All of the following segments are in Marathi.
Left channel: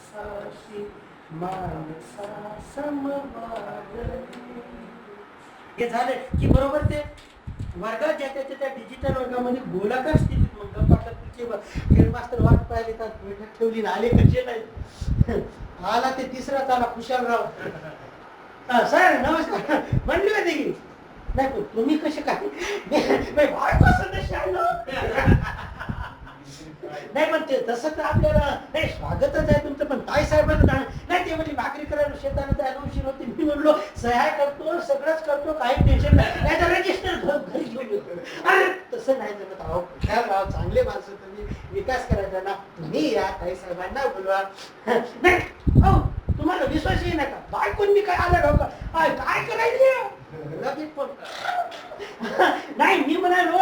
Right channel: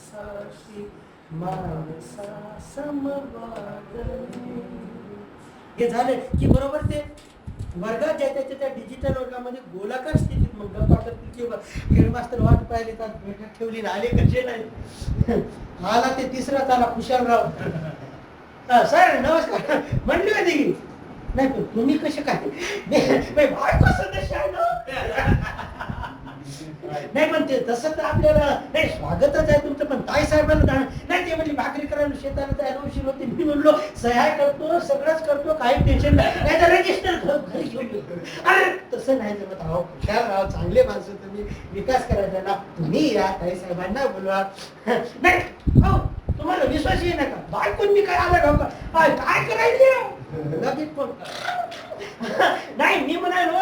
माणसाशी माणसा हे झाले की बरोबर ते वर्गात ज्या त्याच्या त्या डिजिटल वर्गामध्ये गोलाकार स्थितीत मग गप्पा हेडमास्तर वाट पाहिले तर बैठक ठेवली ना आले कसे नाही. आला ते तिसरा चाला खुशालराव. हा, सर नमस्कार. म्हणली होती की? नाही पण तुम्ही कसे काय? नाही मी बायको सदस्य आहे ना. नाही पण ते तसं तर आपल्याला नाही स्वागतच आहे तुमचं पण काय साहेबांना जाणं नाही ते म्हणजे भाकरी करायला शेताला जायला उशीर होते. मी म्हणलो सह्या करतो सगळंच करतो काही टेन्शन नाही. तर रजिस्टर घरी घेऊन अरे तसं नाही जमत अहो हुशार राव चांगले माणसं तुम्ही. विकास करायचा. ना तुम्ही या काही साहेबांना बोलवा. नाही हो तुम्हाला विश्वास येईल नका बायकून मी काय आलं का? काय काय करायचं? लगेच फोन नाही मी म्हणालो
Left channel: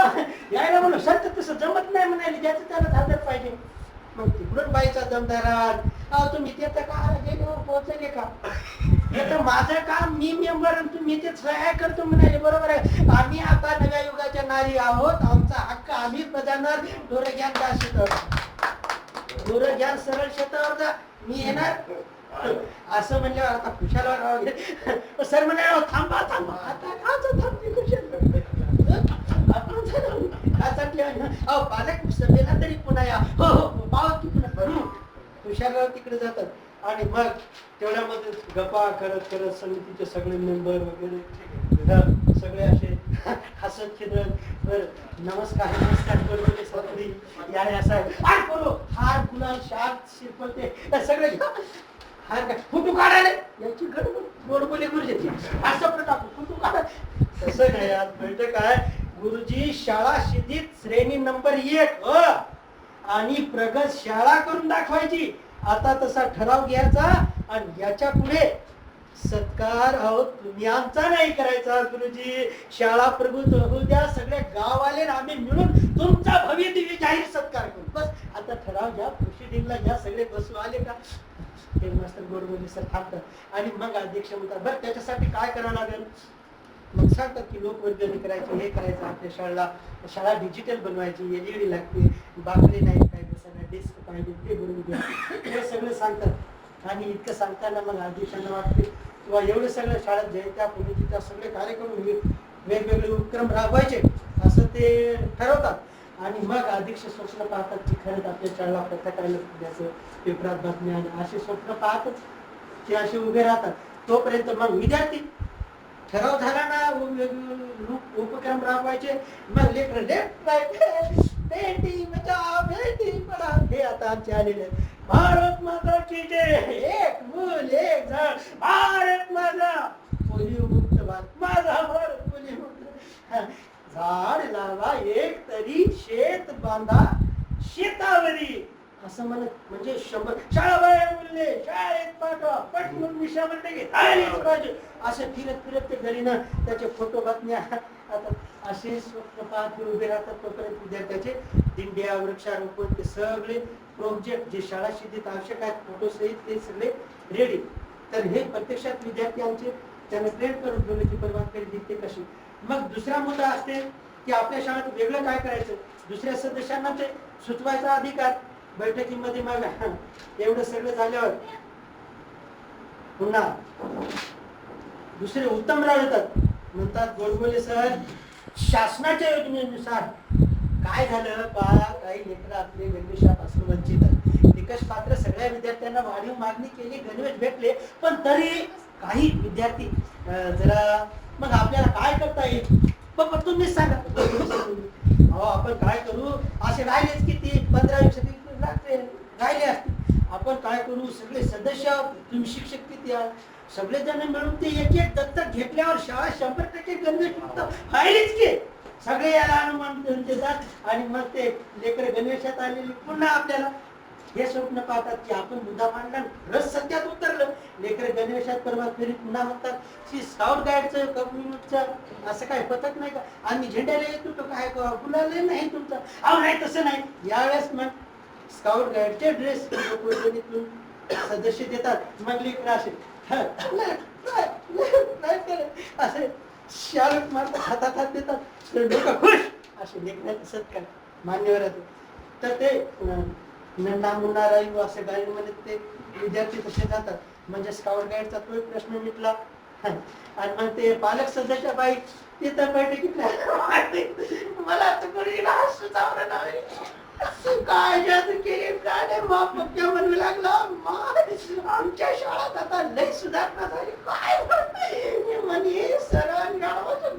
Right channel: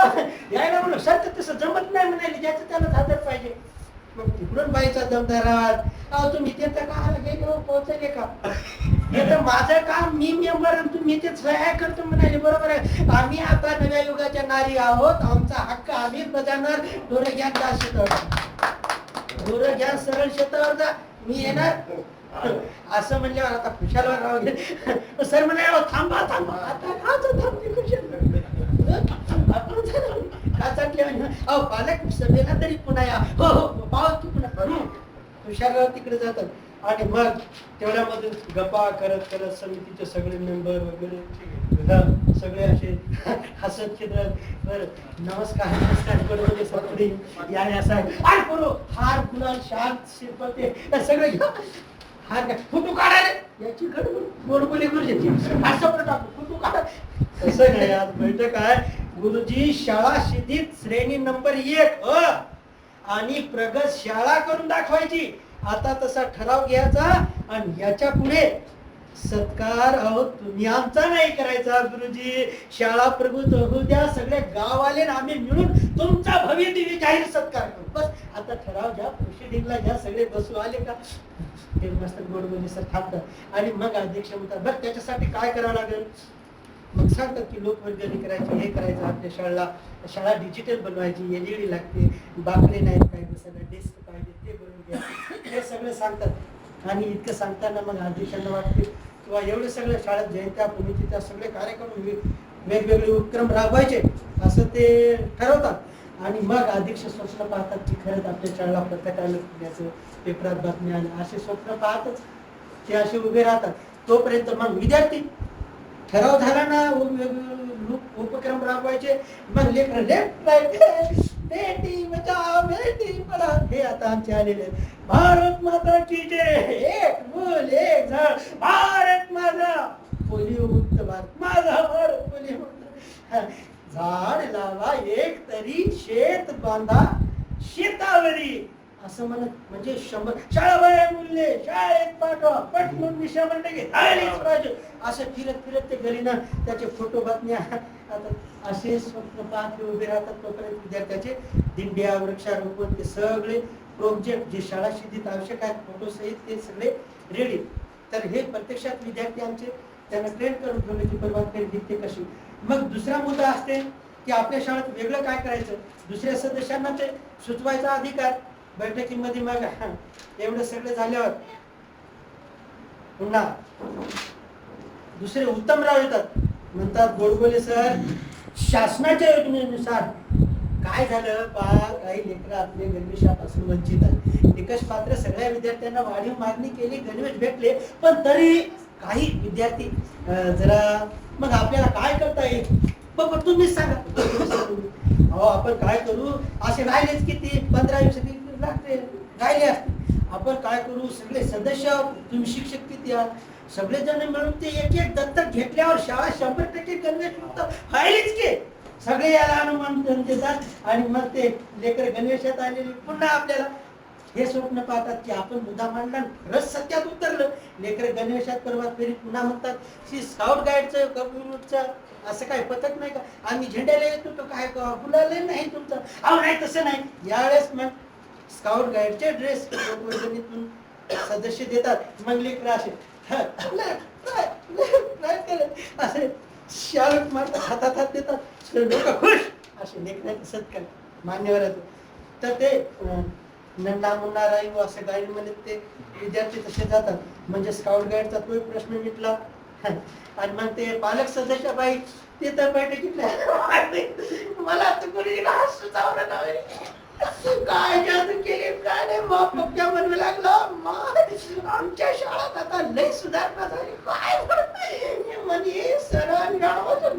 यायला म्हणलो सर तसं जमत नाही म्हणाले ज्याचं त्याला झालं पाहिजे. मग तिकडून बाईचा दमदारात अहो तुम्ही ते तर का पोहोचले का? हे तर माझं काम मी मेंबर तुम्ही ते सहाय्य करतो म्हणाले. बरोबर आहे. आम्ही आता नव्या युगाच्या नारी आहोत. आमचा हक्क आम्हीच बजावणार. डोरे घ्या जा? शेतावर डोरे सरळ शेतावर जा. मी येणार. असं म्हणल्यावर आता खुशालवर राव सर म्हणे थांबा थांबा. आता काच थांबते खुशाल? आपण काचातले अहो पालक सभेला तरी पुन्हा या. हो हो पाव की पुन्हा हं. खुशालराव तिकडे जातात. आणि मग तेवढ्यामध्ये गप्पा करत करत समितीचे सगळे मेंबर वगैरे सगळे असे हसत खेळत बर नमस्कार नमस्कार बरोबर सगळी. या या साहेब. आय करू हार गुलाल शाल शिरपते सगळे. हा हार फुटू फोटो काढायला याची गडबड गोडबोले गुरुजीची असं पण टाकू. फोटो काढा. तसं आज बैठक आहे गुरुजी शाळा शिदीत श्रेणी नंबर एक अ आणि प्रगत शाळा करून दाखवायची. आता तसा ठराव घ्यायचा आणि याच्यापुढे सत्कार अहो तुम्ही आमचा नाही करायचा गुरुजी. शाळा प्रभूत होऊ द्या. सगळे गाववाले आम्ही मिळून तुमचा भव्य दिव्य जाहीर सत्कार करू. बस आता ठराव घ्या. प्रोसिडिंगला घ्या. सगळे बसू आले का? ते मस्त गोड सर थांबतात आणि मग अध्यक्ष म्हणतात बरं त्याच्यासाठी काय करावं लागेल? मग सांगतात की लोकवर्गणी करायची हे करायचं आपल्या शाळेला शाळा डिजिटल बनवायची एलईडी लागते बाकडे नाही पाहिजे सगळं डेस्क पाहिजे ते बनवून द्या हे सगळं सांगतात. आणि इतकं सांगताना मग अध्यक्षांना वाटते किंवा एवढे सगळ्या शाळेत जयंत्या पुण्यतिथ्या सगळे कार्यक्रम म्हणजे वेगवेगळे उपक्रम राबवायचे असं ते ठरवतात. आणि मग अध्यक्ष स्वप्न पाहतात की खरंच आपल्या शाळेला प्रत्येकाला द्यायचं पेपरात बातम्या आणि असे स्वप्न पाहतच ते असे उभे राहतात. तोपर्यंत मग विद्यार्थी ठराव झाला ना उपक्रम राबवायचे. मग लेकर बेटी बचाव बेटी पढाव हे आता आमचे आलेले भारत माता की जय. एक मूल एक झाड. भारत माझा पोलिओ मुक्त भारत. माझा भारत पोलिओ मुक्त झाड लावा एक तरी शेत बांधा. शेतावरी. असं म्हणत म्हणजे शंभर शाळा बाया मुलले शाळेत पाठवा पट म्हणून मी आलीच पाहिजे. असं फिरत फिरत ते गलीनं त्याचे फोटो बातम्या आता असे स्वप्न पाहत उभे राहतात तोपर्यंत विद्यार्थ्याचे. दिंड्या वृक्षारोपण ते सगळे प्रोजेक्ट जे शाळा शिदीत आवश्यक आहेत फोटो सहित ते सगळे रेडी तर हे प्रत्यक्षात विद्यार्थी आमचे त्यांना ट्रेन करून ठेवण्याची परवानगी दिसते कशी? मग दुसरा मुद्दा असते की आपल्या शाळेत वेगळं काय करायचं? दुसऱ्या सदस्यांना ते सुचवायचा अधिकार बैठकीमध्ये मग. एवढं सगळं झाल्यावर पुन्हा दुसरे उत्तमराव येतात. म्हणतात गोडबोले सर शासनाच्या योजनेनुसार काय झालं? बा काही लेकर आपले गणवेशापासून वंचित आहेत. निकष पात्र सगळ्या विद्यार्थ्यांना वाढीव मागणी केली गणवेश भेटले पण तरी काही विद्यार्थी जरा मग आपल्याला काय करता येईल? बाबा तुम्हीच सांगा. अहो आपण काय करू? असे राहिलेच किती पंधरा वीस लागते राहिले असते आपण काय करू? सगळे सदस्य तुम्ही शिक्षक किती आहात? सगळे जण मिळून ते एक एक दत्तक घेतल्यावर शाळा शंभर टक्के गणवेश मुक्त व्हायलीच की. सगळे याला अनुमान देतात आणि मग ते लेकर गणवेशात आलेले पुन्हा आपल्याला हे स्वप्न पाहतात की आपण मुद्दा मांडला खरंच सत्यात उतरलं. लेकर गणवेशात परवा फेरी पुन्हा म्हणतात की स्काउट गाईडचं कम्युनिटचं असं काय पथक नाही का? आम्ही झेंड्याला येत होतो काय गुलाल नाही तुमचं. अहो नाही तसं नाही. यावेळेस मग स्काउट गाईडचे ड्रेस लोकवर्गणीतून सदस्य देतात. मग लेकर असे असे शालक मारतात हातात हात देतात. लोक खुश. असे लेकराचे सत्कार मान्यवर आहेत. तर ते नन्ना मुन्ना राहील असे गाडी म्हणत ते विद्यार्थी तसे जातात. म्हणजे स्काउट गाईडचा तोही प्रश्न मिटला. आणि मग ते पालक सदस्य बाई ते तर बैठकीत मला तर काय जादू केली काय नाही बाप म्हणू लागला. आमच्या शाळेत आता लय सुधारणा झाली. काय म्हणे सरांनी गावाचं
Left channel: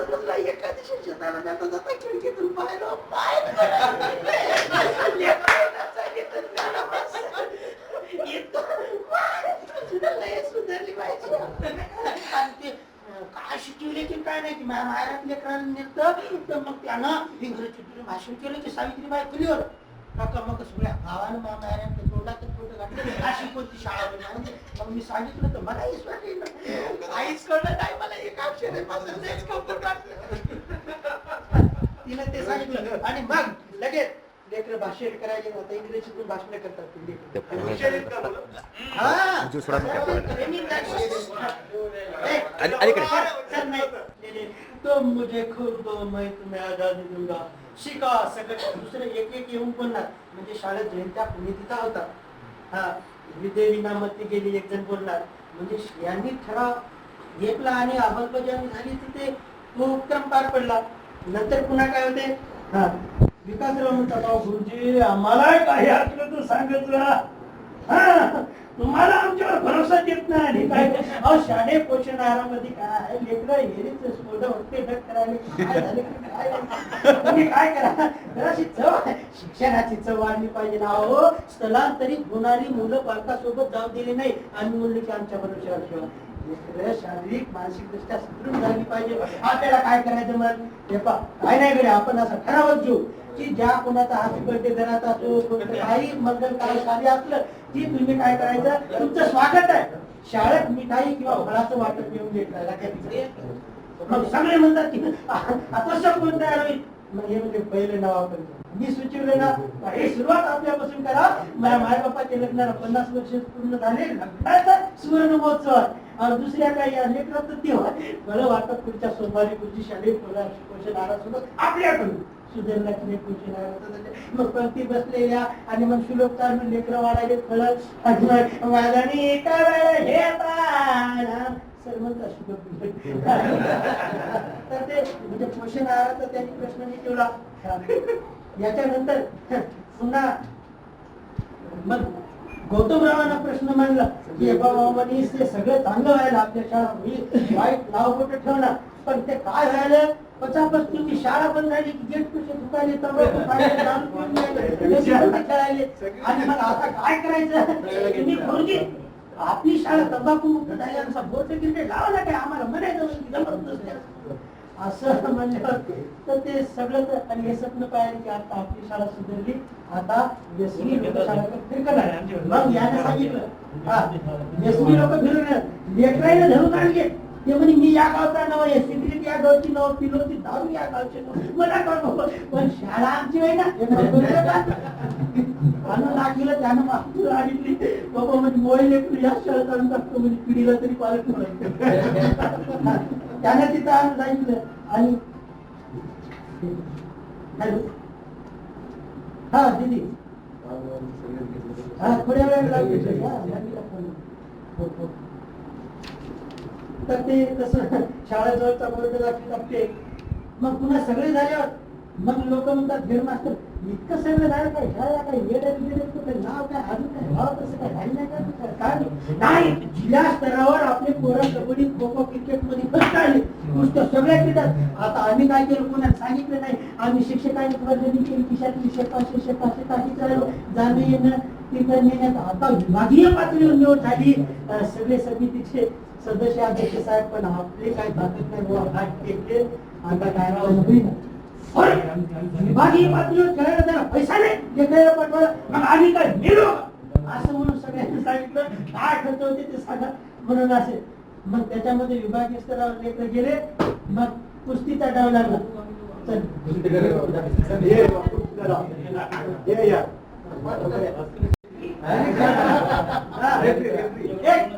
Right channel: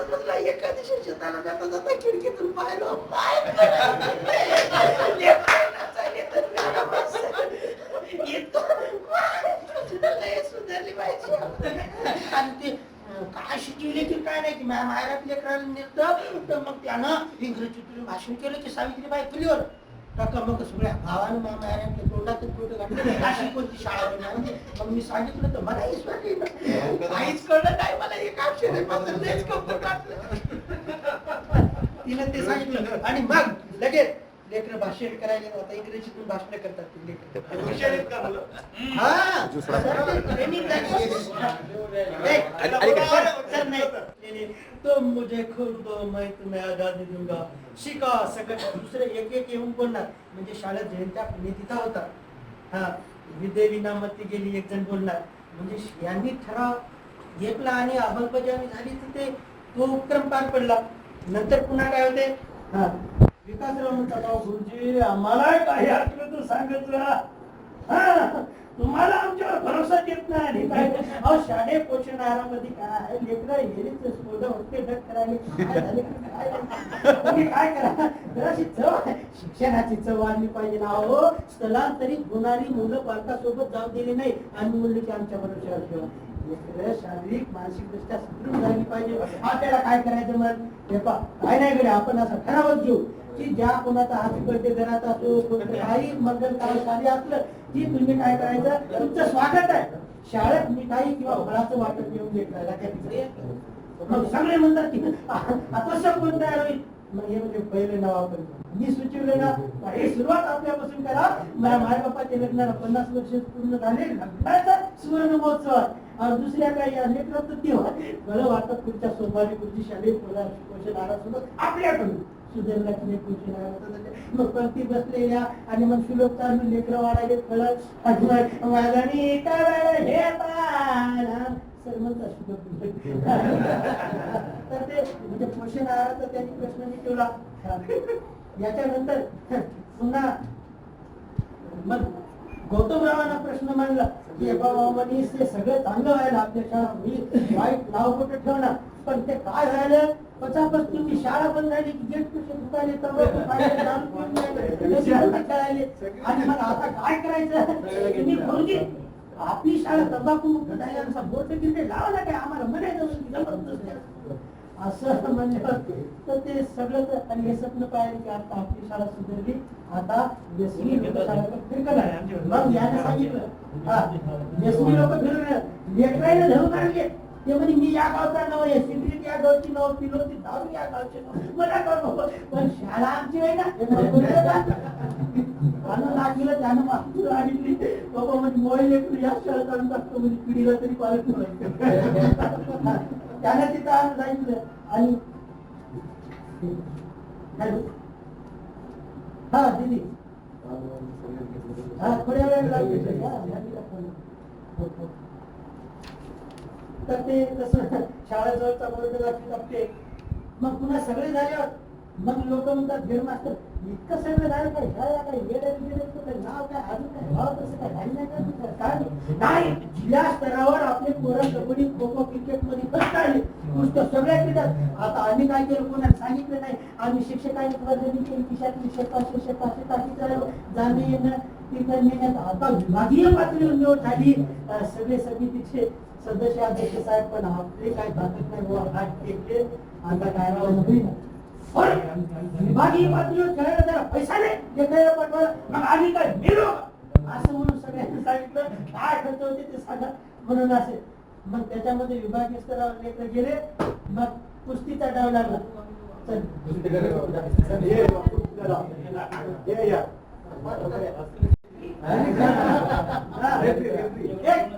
तर एका दिवशी शेताला जाता जाता खिडकीतून पाय सुधारली पाहिजे आणि ते काय शिकवले की काय नाही की माझ्या माहेरात लेकराला नेलं तर मग त्यानं इंग्रजीतून भाषण केलं की सावित्रीबाई फुलीवर. काका मग सगळ्या गावानं फोटो घातले अशी कोणती शाळा म्हणजे मग मी सांगितलं तर मला वाटेल काहीच कळलं नाही मला एक अक्षर वाटलं. तिनं ते सांगितलं. आणि मग लगेच लेकर भाषण करायला आता इंग्रजीतून भाषण करतात ते लेकरं. हा सर, ते training झाली. ए, सर, सर, नाही. नाही, नाही. तो मुझे खूप दो मैं आजादी दूंगा शिका सगळं दुसरे एक एक येऊन बोलणार म्हणजे शाळेत जयंत्या पुण्यतिथा होता. हा विद्येवी नामती गेली एक जण बोलणार. म्हणजे यांनी ठराव घेतला आणि अंमलबजावणी झाली तिथे तो उपक्रम पार पडला. नंतर पुन्हा काय होते? हा विकासराव म्हणतात "अहो, गुरुजी आम्हाला काही असलं तर सांगत राहा तुम्हाला आमच्यावर भरोसा देत नाही. अहो शाळे पोषण आहारामध्ये काय? लेकरं हेरीच होते काय करा? जराशी चव शिक्षणाची चव आणली पाहिजे. ना हो स्थलांतरित होणारी मुलं पालकासोबत जाऊ दिली नाही. आम्ही म्हणले की आमच्या भरोशावर ठेवा. शारीरिक मानसिक दृष्ट्या सुदृढ झाली पाहिजे. आपल्याला काय करायचं मग? हे पहा. काय नाही. आपण असं ठरावच घेऊ. की ज्या कोणाचा हॅपी बर्थडे घरात असो काही मंगल कार्य असलं की तुम्ही काय करायचं? तुमचं स्वागत आहे. शाळेत मिठाई किंवा फळाचं वाटप घेऊन घेतलं सगळे म्हणतात की आता सब कोण तयार होईल? हे म्हणजे पहिले नाव आपण मी सुचवले ना हे सुरुवात आपल्यापासून करा. माझ्या माय बापाच्या लग्नाला पन्नास वर्ष पूर्ण झाले सुवर्ण महोत्सव दुसऱ्या काही या रत्न तेव्हा मला वाटतं पुढच्या सोमवारी पुढची शालेय पोषण आहारासोबत आपल्याकडून. सुधारण्याची लक्ष्मी पोषण मग पंक्ती बसलेल्या आणि मग श्लोक चालू लेकर वाढायले फळ आणि मग वादणी हे तर ते म्हणजे पोषण आहाराचा त्यांनी प्रश्न विचारला याच्यानंतर पुन्हा मग गौतमरावांना प्रश्न मांडला की बाबा मनीष ते सगळं चांगलं व्हायला आपल्या शाळा मी वाईट नाव कुठं ठेवणार पण ते काय झालं पचापच तुम्ही शाळा बंद झाली की गेट कसे रस्त्यावर खेळायले. आणि मग आता काय करायचं गुरुजी आपली शाळा तंबाखू मुक्त झाल्यानुसार बोट क्रिकेट लावा ना काय आम्हाला म्हणायचं की जबरदस्ती. असं म्हणल्यावर तर ते सगळं आणि हे स्वप्न पाहिजे की आता आपली शाळा सुधारली. आता व्यसनी लोक शाळा फिरकणार मग याने सांगितलं. हा. व्यसनी लोक फिरणार लेकराईने धरून आणले. ते म्हणे मी या गावचा नाव आहे सिंद्रिक या गावची नाव पिलो ती दारू या गावचे नाव मला कळ नको पण शाळा आमची आहे ना. हे मला त्यानं मागून आणली. बाबा म्हणजे मोहिले लेकरू या शाळेत टाकतो म्हणजे पिढीला तरी पालक त्यानं तिथं आणून सांगितलं आणि हा दिदी. हा थोड्या वेळ लागेल. हो, हो. तर ते तसं शाळेजवळचा वर्ग लागते मग पुन्हा सगळे झाल्यावर मग लोक म्हणतात हेडमास्टर इतकं सगळं झालं काय? शाळेला काय? वेळ काही नाव काय? अजून काय? भाव तसं काय? झालं नाही का काय? नाही. जिल्हा स्तरावर आपले पोरं कबड्डी खो खो क्रिकेटमध्ये फर्स्ट आले. गोष्ट सगळ्या केल्यात आता आम्ही काय केलं? कोणाला सांगितलं नाही. आम्ही शिक्षकांनी स्पर्धेने केली. खिशात विषय पाचशे शे पाचशे ताकी जाणं येणं तिकडे नेण्यात आता विभागीय पातळीवर निवड झाली. सगळे समितीचे सदस्य अध्यक्ष साहेब पण आपले काय ताकद नाही. बाबा हात टेकले आता काय राहून होईल? विभागीय पातळीवर खेळायला त्याला पैसा नाही. जे पाठवायला मग आम्ही काय मेलो? असं म्हणून सगळ्यांनी सांगितलं. काय खर्च होते ते सांगा. म्हणून असे. मग त्याच्यामध्ये विभागीय स्तरावर लेकर गेले. मग कुस्तीचा डाव लागला. चल.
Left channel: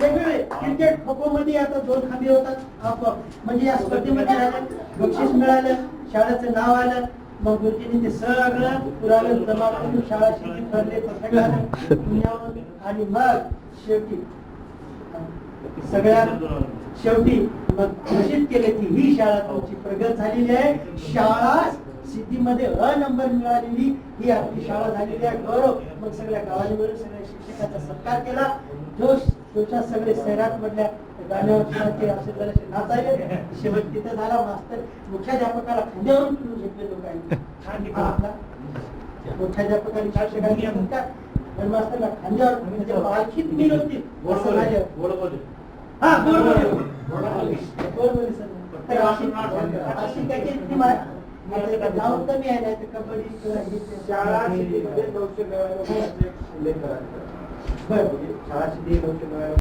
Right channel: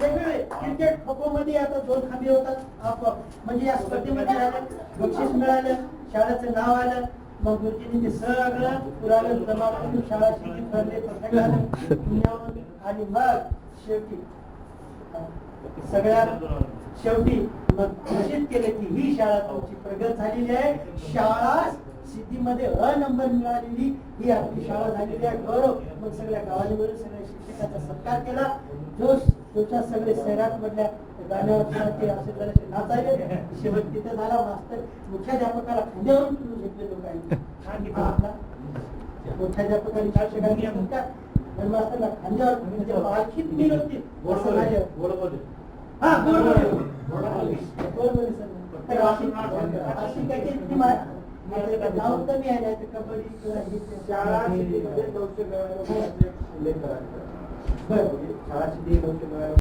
वेगवेगळे क्रिकेट खो खो मध्ये आता दोन खांबे होतात म्हणजे या स्पर्धेमध्ये आलं बक्षीस मिळालं शाळेचं नाव आलं मग गुरुजींनी ते सगळं पुरावे जमा करून शाळा शिक्षित ठरले आणि मग शेवटी सगळ्या शेवटी घोषित केले की ही शाळा तुमची प्रगत झालेली आहे. शाळा सिद्धीमध्ये अ नंबर मिळालेली. ही आपली शाळा झालेली आहे. गौरव. मग सगळ्या गावाने मिळून सगळ्या शिक्षकाचा सत्कार केला. जोश जोशात सगळे शहरात मधल्या नाचायले शेवट तिथं झाला मास्तर. मुख्याध्यापकाला खांद्यावरून फिरून घेतले लोकांनी. आपला मुख्याध्यापकांनी शिक्षकांनी सत्कार पण मास्तरला खांद्यावर म्हणजे पालखीत. हा, बरोबर. नाव कमी कबड्डी शाळा शिकलीमध्ये नऊशे नव्याण्णव शाळा शिकली नऊशे नव्याण्णव